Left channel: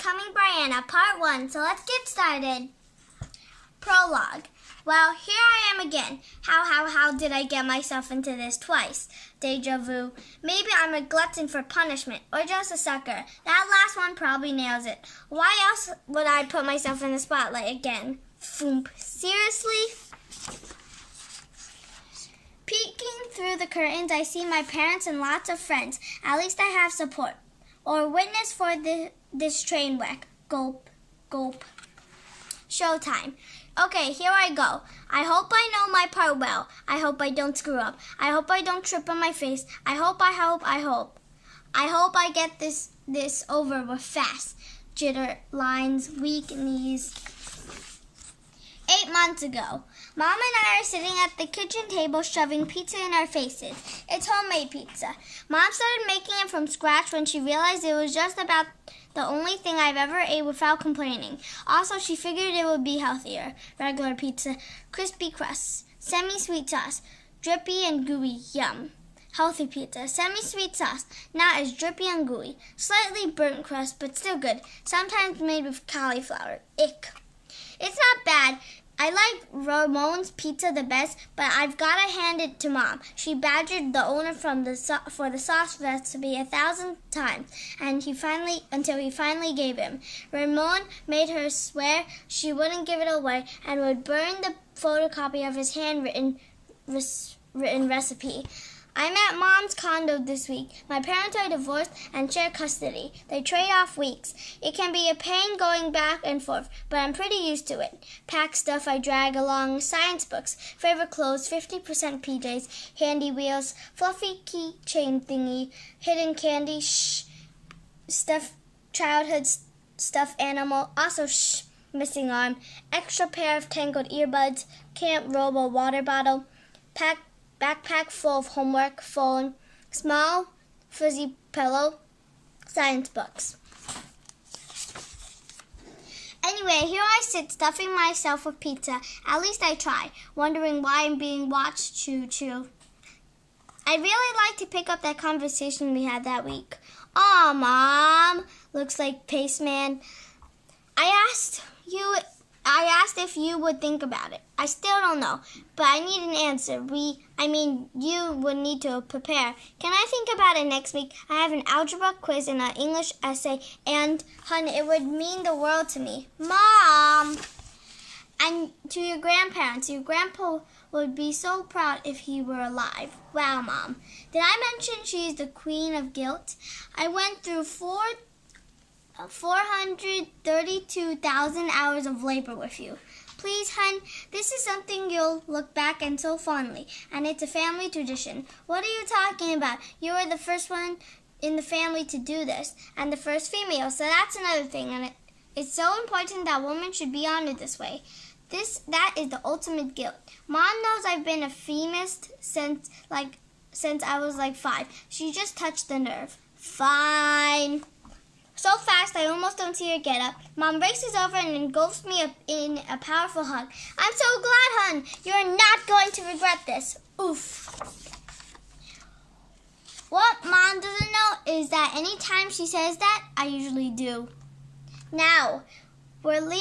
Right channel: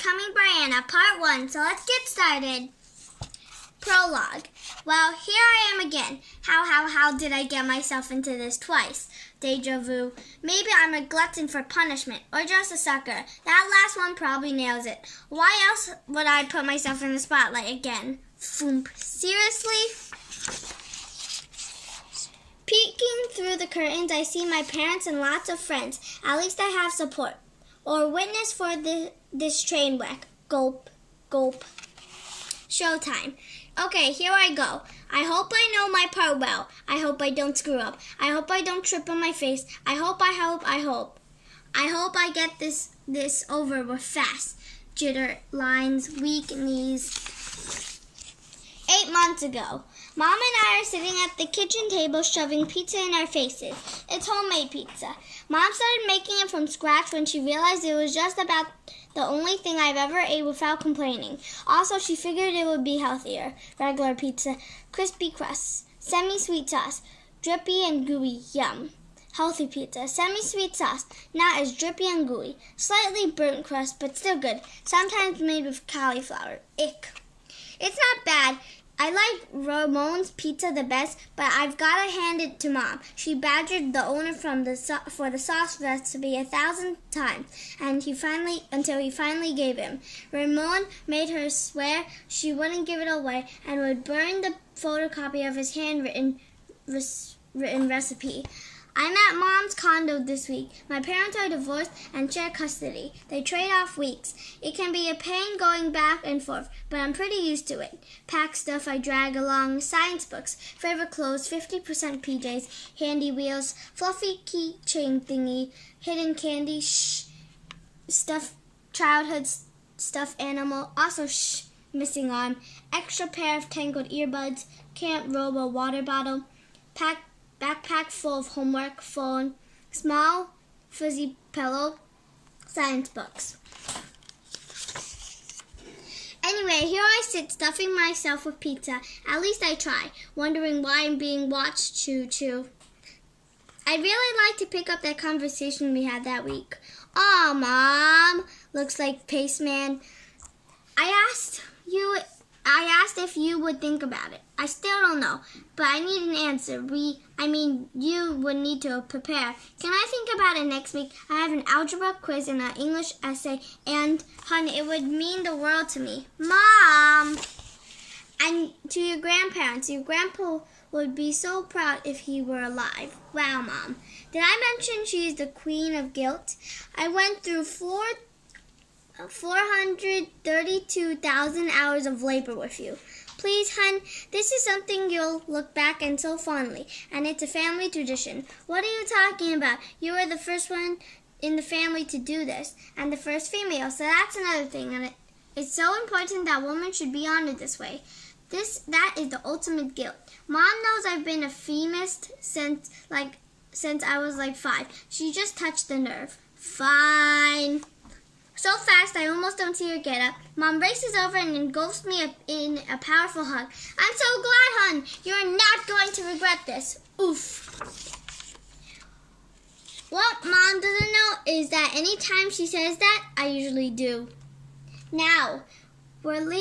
Becoming Brianna, Part 1. So let's get started. Prologue. Well, here I am again. How did I get myself into this twice? Deja vu. Maybe I'm a glutton for punishment, or just a sucker. That last one probably nails it. Why else would I put myself in the spotlight again? Foomp. Seriously? Peeking through the curtains, I see my parents and lots of friends. At least I have support. Or witness for this train wreck. Gulp, gulp. Showtime. Okay, here I go. I hope I know my part well. I hope I don't screw up. I hope I don't trip on my face. I hope I get this over with fast. Jitter, lines, weak knees. 8 months ago, Mom and I are sitting at the kitchen table shoving pizza in our faces. It's homemade pizza. Mom started making it from scratch when she realized it was just about the only thing I've ever ate without complaining. Also, she figured it would be healthier. Regular pizza, crispy crusts, semi-sweet sauce, drippy and gooey, yum. Healthy pizza, semi-sweet sauce, not as drippy and gooey. Slightly burnt crust, but still good. Sometimes made with cauliflower. Ick. It's not bad. I like Ramon's pizza the best, but I've got to hand it to Mom. She badgered the owner for the sauce recipe 1,000 times, and until he finally gave him. Ramon made her swear she wouldn't give it away and would burn the photocopy of his handwritten recipe. I'm at Mom's condo this week. My parents are divorced and share custody. They trade off weeks. It can be a pain going back and forth, but I'm pretty used to it. Pack stuff I drag along, science books, favorite clothes, 50% PJs, handy wheels, fluffy keychain thingy, hidden candy, childhood stuffed animal, also missing arm, extra pair of tangled earbuds, Camp Robo water bottle, backpack full of homework, phone, small fuzzy pillow, science books. Anyway, here I sit stuffing myself with pizza. At least I try, wondering why I'm being watched. Choo-choo. I'd really like to pick up that conversation we had that week. Aw, Mom, looks like Paceman. I asked if you would think about it. I still don't know, but I need an answer. You would need to prepare. Can I think about it next week? I have an algebra quiz and an English essay, and, honey, it would mean the world to me. Mom! And to your grandparents, your grandpa would be so proud if he were alive. Wow, Mom. Did I mention she's the queen of guilt? I went through 432,000 hours of labor with you. Please, hun, this is something you'll look back on so fondly, and it's a family tradition. What are you talking about? You were the first one in the family to do this, and the first female, so that's another thing, and it's so important that women should be honored this way. That is the ultimate guilt. Mom knows I've been a feminist since I was like 5. She just touched the nerve. Fine. So fast, I almost don't see her get up. Mom races over and engulfs me in a powerful hug. I'm so glad, hon. You are not going to regret this. Oof. What Mom doesn't know is that anytime she says that, I usually do. Now, we're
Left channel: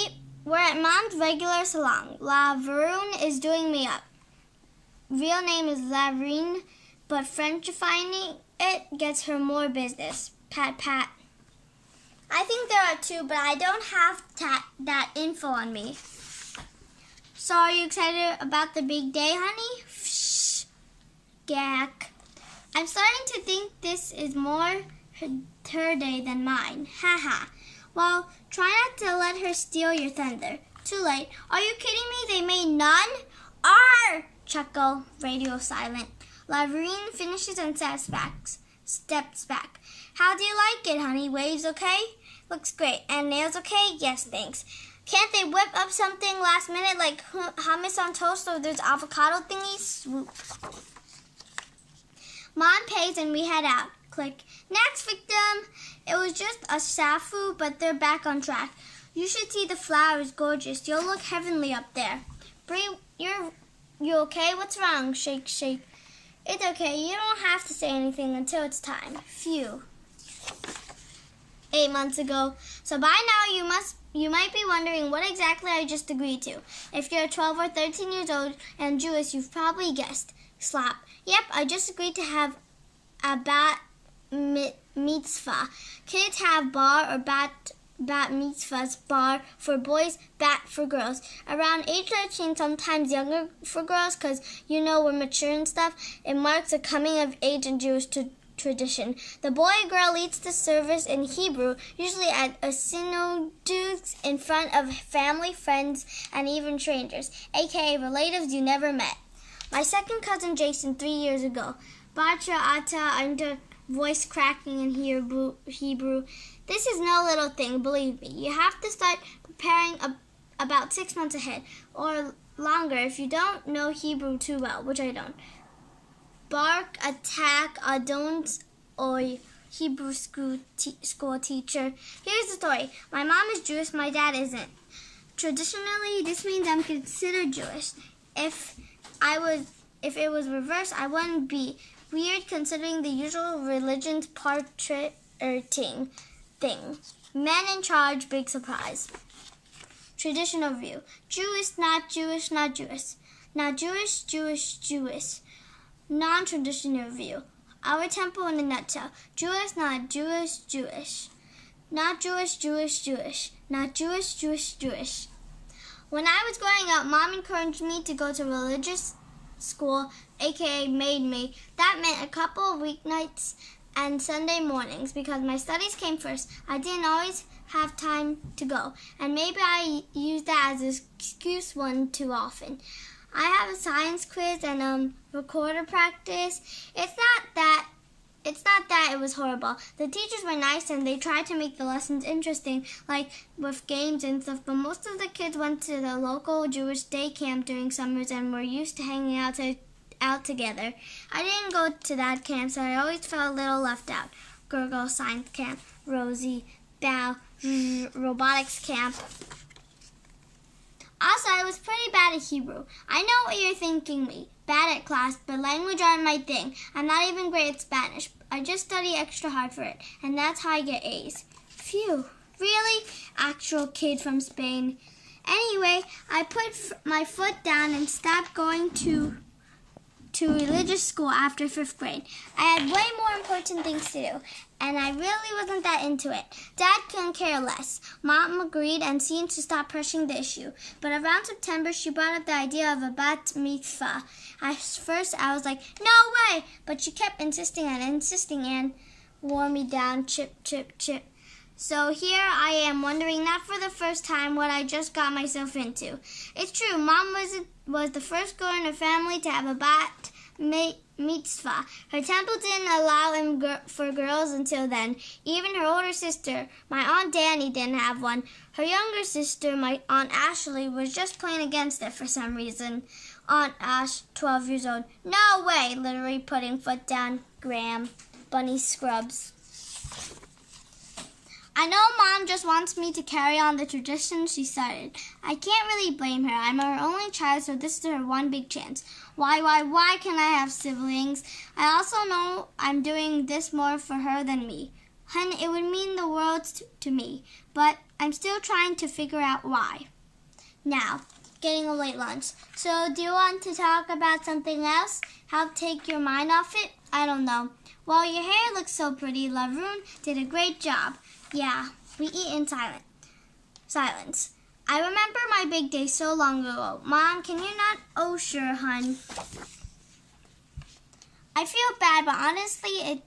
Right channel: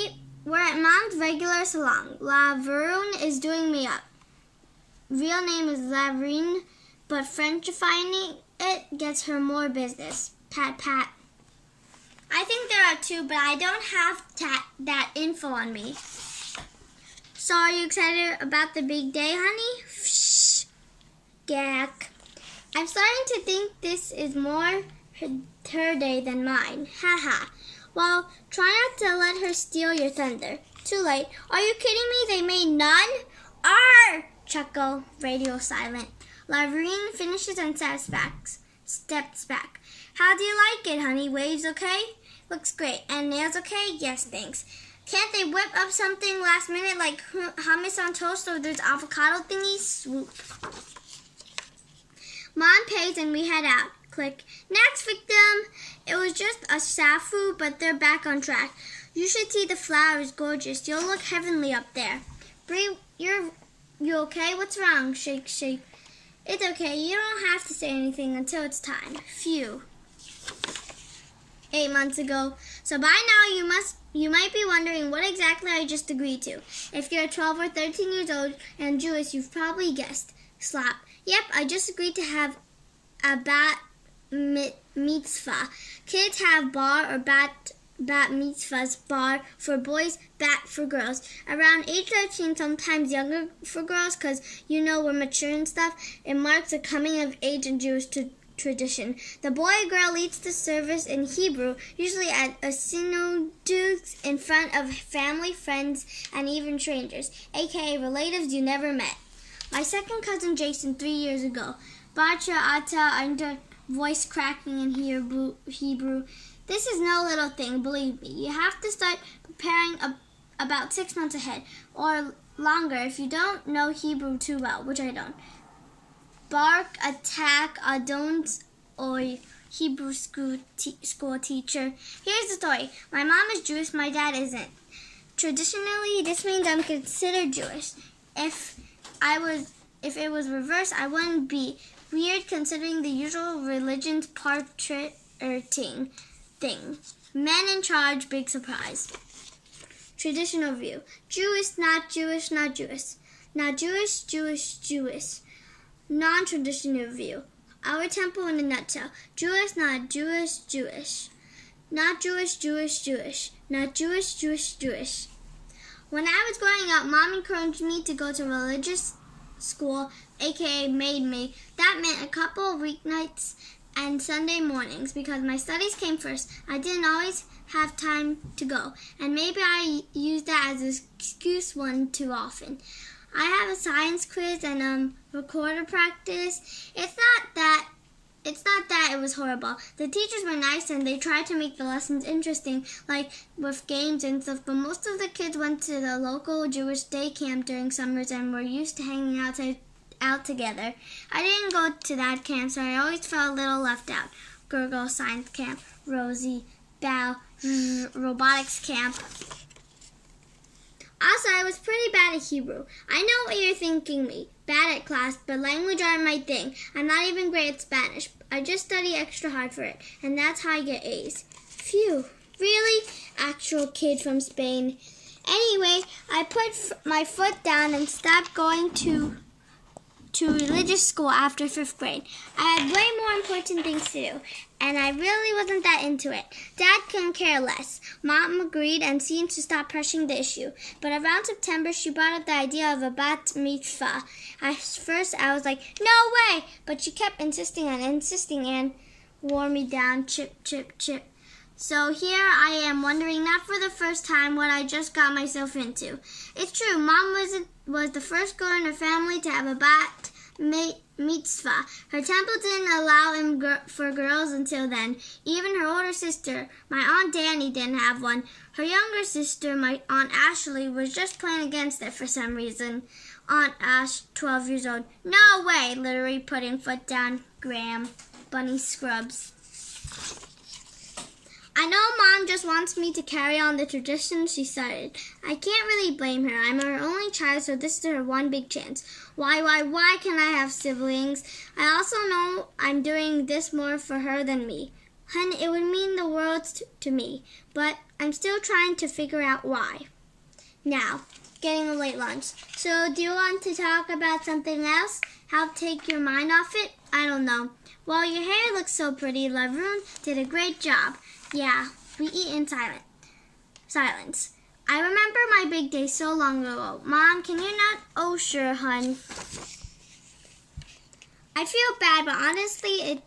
at Mom's regular salon. Laverune is doing me up. Real name is Laverine, but Frenchifying it gets her more business. Pat, pat. I think there are 2, but I don't have that info on me. So are you excited about the big day, honey? Gack. I'm starting to think this is more her day than mine. Haha. Well, try not to let her steal your thunder. Too late. Are you kidding me? They made none? Arr! Chuckle. Radio silent. Laverine finishes and steps back. How do you like it, honey? Waves okay? Looks great. And nails okay? Yes, thanks. Can't they whip up something last minute like hummus on toast or those avocado thingies? Swoop. Mom pays and we head out. Click. Next victim. It was just a snafu, but they're back on track. You should see the flowers. Gorgeous. You'll look heavenly up there. Bree, you okay? What's wrong? Shake, shake. It's okay. You don't have to say anything until it's time. Phew. 8 months ago. So by now you might be wondering what exactly I just agreed to. If you're 12 or 13 years old and Jewish, you've probably guessed. Slap. Yep, I just agreed to have a bat mitzvah. Kids have bar or bat mitzvahs, bar for boys, bat for girls. Around age 13, sometimes younger for girls, because we're mature and stuff. It marks a coming of age in Jewish tradition. The boy or girl leads the service in Hebrew, usually at a synagogue in front of family, friends, and even strangers, aka relatives you never met. My second cousin Jason 3 years ago. Bacha ata under voice cracking in Hebrew. This is no little thing, believe me. You have to start preparing about 6 months ahead, or longer if you don't know Hebrew too well, which I don't. Bark, attack, adont, or Hebrew school teacher. Here's the story. My mom is Jewish, my dad isn't. Traditionally, this means I'm considered Jewish. If it was reversed, I wouldn't be. Weird considering the usual religion's portraiting thing. Men in charge, big surprise. Traditional view. Jewish, not Jewish, not Jewish. Not Jewish, Jewish, Jewish. Non-traditional view. Our temple in a nutshell. Jewish, not Jewish, Jewish. Not Jewish, Jewish, Jewish. Not Jewish, Jewish, Jewish. When I was growing up, Mom encouraged me to go to religious school, aka made me. That meant a couple of weeknights and Sunday mornings because my studies came first. I didn't always have time to go, and maybe I used that as an excuse one too often. I have a science quiz and recorder practice. It's not that it was horrible. The teachers were nice and they tried to make the lessons interesting, like with games and stuff, but most of the kids went to the local Jewish day camp during summers and were used to hanging out together. I didn't go to that camp, so I always felt a little left out. Gurgle, science camp, Rosie, Bow, robotics camp. Also, I was pretty bad at Hebrew. I know what you're thinking me. Bad at class, but language aren't my thing. I'm not even great at Spanish. I just study extra hard for it, and that's how I get A's. Phew. Really? Actual kid from Spain. Anyway, I put my foot down and stopped going to religious school after 5th grade. I had way more important things to do, and I really wasn't that into it. Dad couldn't care less. Mom agreed and seemed to stop pressing the issue. But around September, she brought up the idea of a bat mitzvah. At first, I was like, no way! But she kept insisting and wore me down, chip, chip, chip. So here I am wondering, not for the first time, what I just got myself into. It's true, Mom was the first girl in her family to have a bat mitzvah. Her temple didn't allow them for girls until then. Even her older sister, my Aunt Danny, didn't have one. Her younger sister, my Aunt Ashley, was just plain against it for some reason. Aunt Ash, 12 years old. No way! Literally putting foot down. Graham. Bunny scrubs. I know Mom just wants me to carry on the tradition she started. I can't really blame her. I'm her only child, so this is her one big chance. Why can I have siblings? I also know I'm doing this more for her than me. Hun, it would mean the world to me, but I'm still trying to figure out why. Now, getting a late lunch. So, do you want to talk about something else? Help take your mind off it? I don't know. Well, your hair looks so pretty. Laroon did a great job. Yeah, we eat in silence. I remember my big day so long ago. Mom, can you not? Oh, sure, hun. I feel bad, but honestly,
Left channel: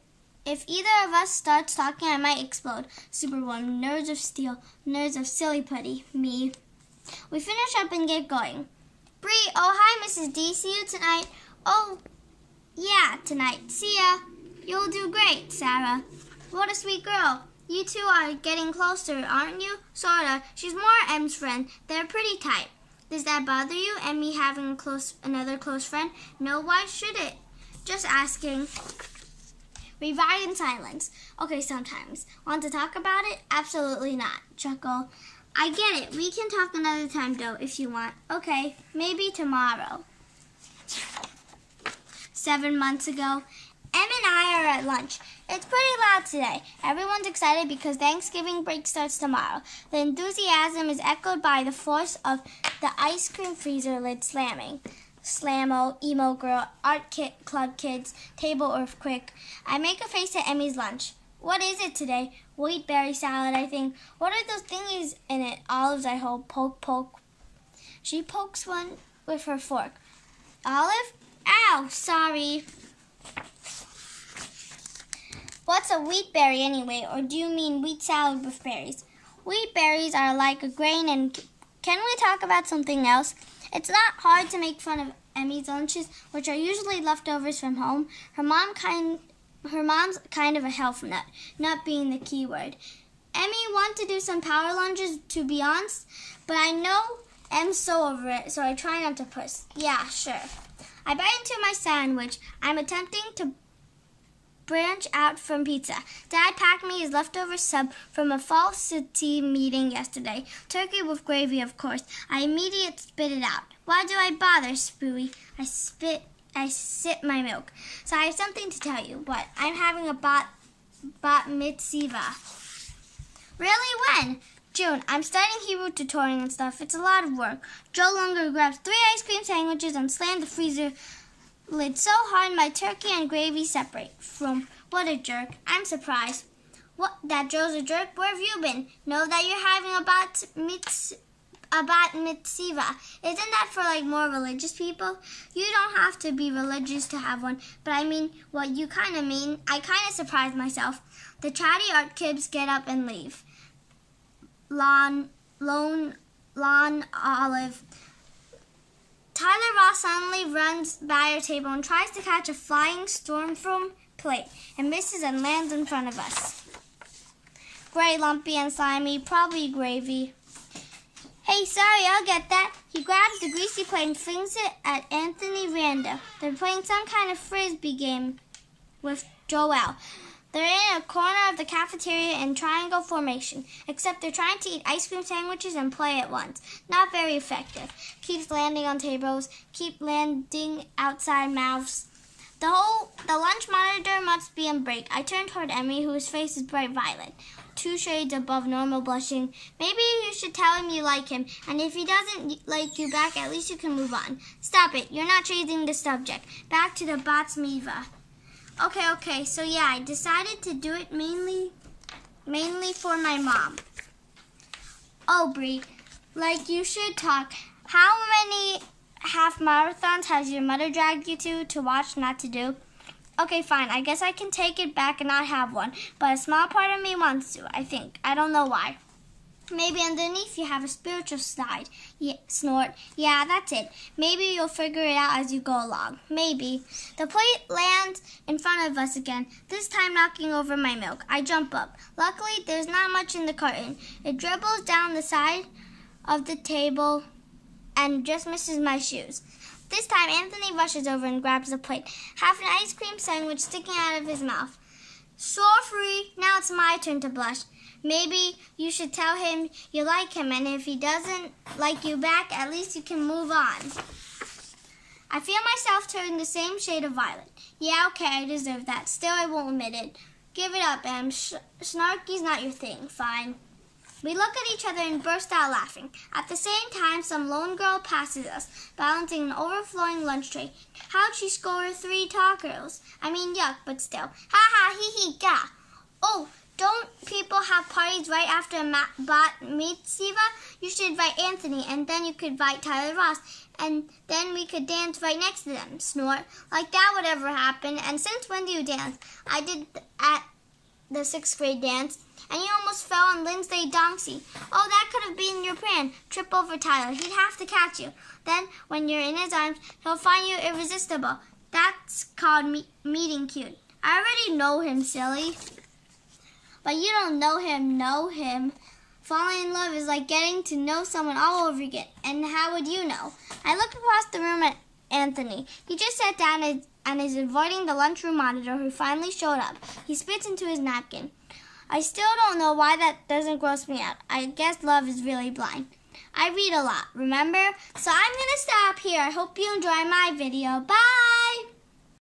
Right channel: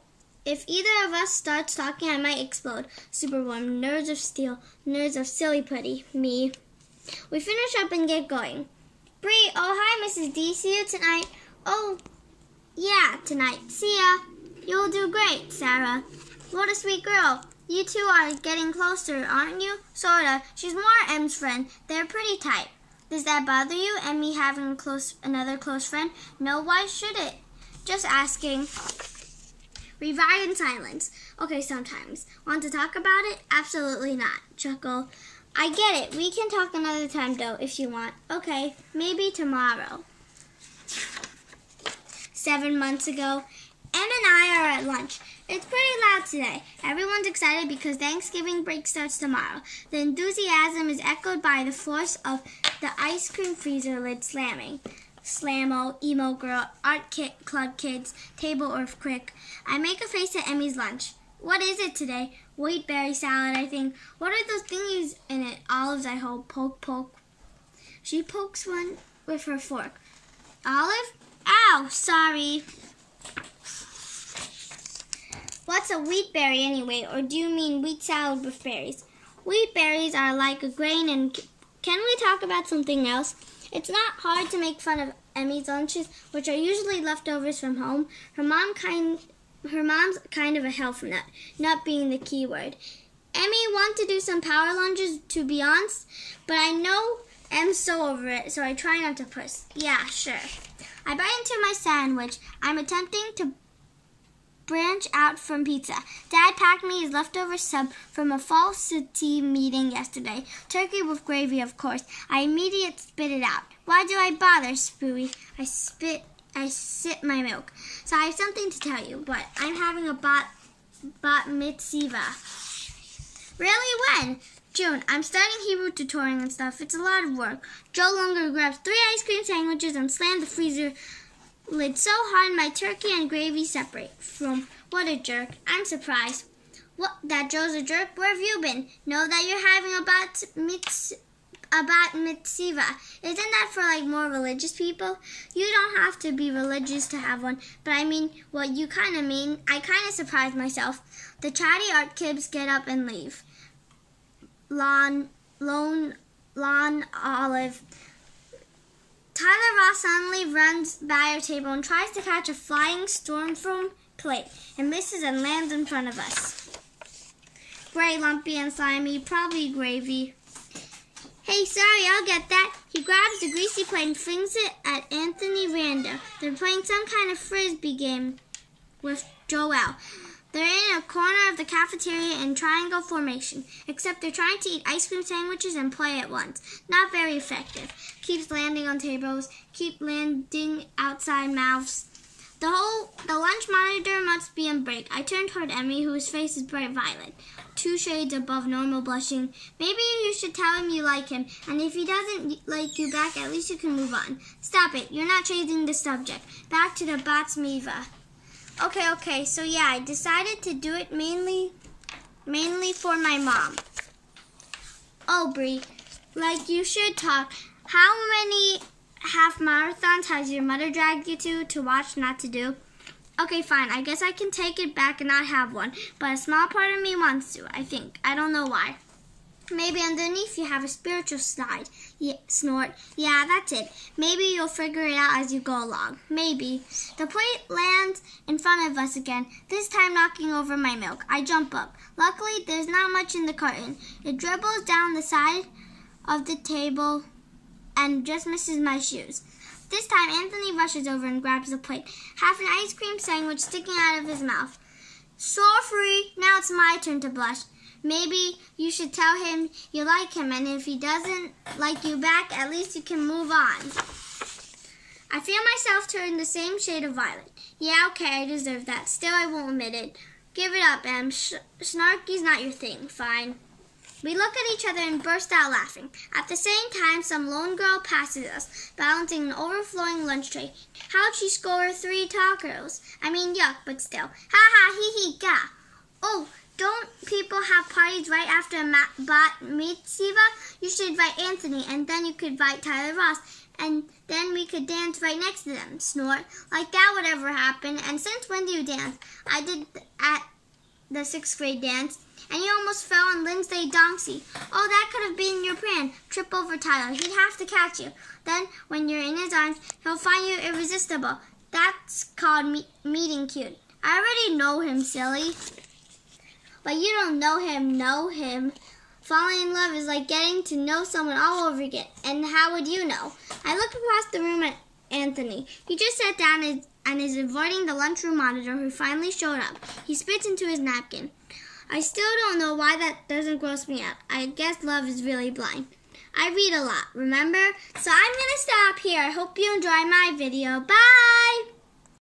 if either of us starts talking, I might explode. Super warm, nerves of steel, nerves of silly putty, me. We finish up and get going. Bree, oh, hi, Mrs. D. See you tonight. Oh, yeah, tonight. See ya. You'll do great, Sarah. What a sweet girl. You two are getting closer, aren't you? Sorta. She's more M's friend. They're pretty tight. Does that bother you and me having another close friend? No, why should it? Just asking. We ride in silence. Okay, sometimes. Want to talk about it? Absolutely not. Chuckle. I get it. We can talk another time, though, if you want. Okay, maybe tomorrow. 7 months ago. Em and I are at lunch. It's pretty loud today. Everyone's excited because Thanksgiving break starts tomorrow. The enthusiasm is echoed by the force of the ice cream freezer lid slamming. Slammo, emo girl, club kids, table earthquake. I make a face at Emmy's lunch. What is it today? Wheat berry salad, I think. What are those thingies in it? Olives, I hope. Poke, poke. She pokes one with her fork. Olive? Ow, sorry. What's a wheat berry anyway? Or do you mean wheat salad with berries? Wheat berries are like a grain, and can we talk about something else? It's not hard to make fun of Emmy's lunches, which are usually leftovers from home. Her mom's kind of a health nut, nut being the key word. Emmy wants to do some power lunges, to be honest, but I know Em's so over it, so I try not to push. Yeah, sure. I bite into my sandwich. I'm attempting to branch out from pizza. Dad packed me his leftover sub from a falsity meeting yesterday. Turkey with gravy, of course. I immediately spit it out. Why do I bother, Spooey? I sip my milk. So I have something to tell you, but I'm having a bat mitzvah. Really? When? June. I'm starting Hebrew tutoring and stuff. It's a lot of work. Joe Lunger grabs 3 ice cream sandwiches and slammed the freezer lid so hard my turkey and gravy separate. What a jerk. I'm surprised. What? That Joe's a jerk? Where have you been? Know that you're having a bat mitzvah. Isn't that for like more religious people? You don't have to be religious to have one, but I mean what you kind of mean. I kind of surprised myself. The chatty art kids get up and leave. Lawn, Olive. Tyler Ross suddenly runs by our table and tries to catch a flying stormfront plate and misses and lands in front of us. Gray, lumpy, and slimy, probably gravy. Hey, sorry, I'll get that. He grabs the greasy plate and flings it at Anthony Randa. They're playing some kind of frisbee game with Joel. They're in a corner of the cafeteria in triangle formation, except they're trying to eat ice cream sandwiches and play at once. Not very effective. Keeps landing on tables, keep landing outside mouths. The lunch monitor must be on break. I turn toward Emmy, whose face is bright violet, 2 shades above normal blushing. Maybe you should tell him you like him, and if he doesn't like you back, at least you can move on. Stop it. You're not changing the subject. Back to the bat mitzvah. Okay, so yeah, I decided to do it mainly for my mom. Oh, Bree, like you should talk. How many half marathons has your mother dragged you to watch, not to do? Okay, fine, I guess I can take it back and not have one, but a small part of me wants to, I think. I don't know why. Maybe underneath you have a spiritual side. Yeah, snort. Yeah, that's it. Maybe you'll figure it out as you go along. Maybe. The plate lands in front of us again, this time knocking over my milk. I jump up. Luckily, there's not much in the carton. It dribbles down the side of the table and just misses my shoes. This time, Anthony rushes over and grabs the plate, half an ice cream sandwich sticking out of his mouth. Sorry, now it's my turn to blush. Maybe you should tell him you like him, and if he doesn't like you back, at least you can move on. I feel myself turn the same shade of violet. Yeah, okay, I deserve that. Still, I won't admit it. Give it up, Em. Snarky's not your thing. Fine. We look at each other and burst out laughing. At the same time, some lone girl passes us, balancing an overflowing lunch tray. How'd she score 3 tacos? I mean, yuck, but still. Ha ha, hee hee, ga. Oh, don't people have parties right after a bat mitzvah? You should invite Anthony, and then you could invite Tyler Ross, and then we could dance right next to them. Snort. Like that would ever happen. And since when do you dance? I did at the 6th grade dance, and you almost fell on Lindsay Donkey. Oh, that could have been your plan. Trip over Tyler. He'd have to catch you. Then, when you're in his arms, he'll find you irresistible. That's called meeting cute. I already know him, silly. But you don't know him. Falling in love is like getting to know someone all over again. And how would you know? I look across the room at Anthony. He just sat down and is avoiding the lunchroom monitor, who finally showed up. He spits into his napkin. I still don't know why that doesn't gross me out. I guess love is really blind. I read a lot, remember? So I'm going to stop here. I hope you enjoy my video. Bye!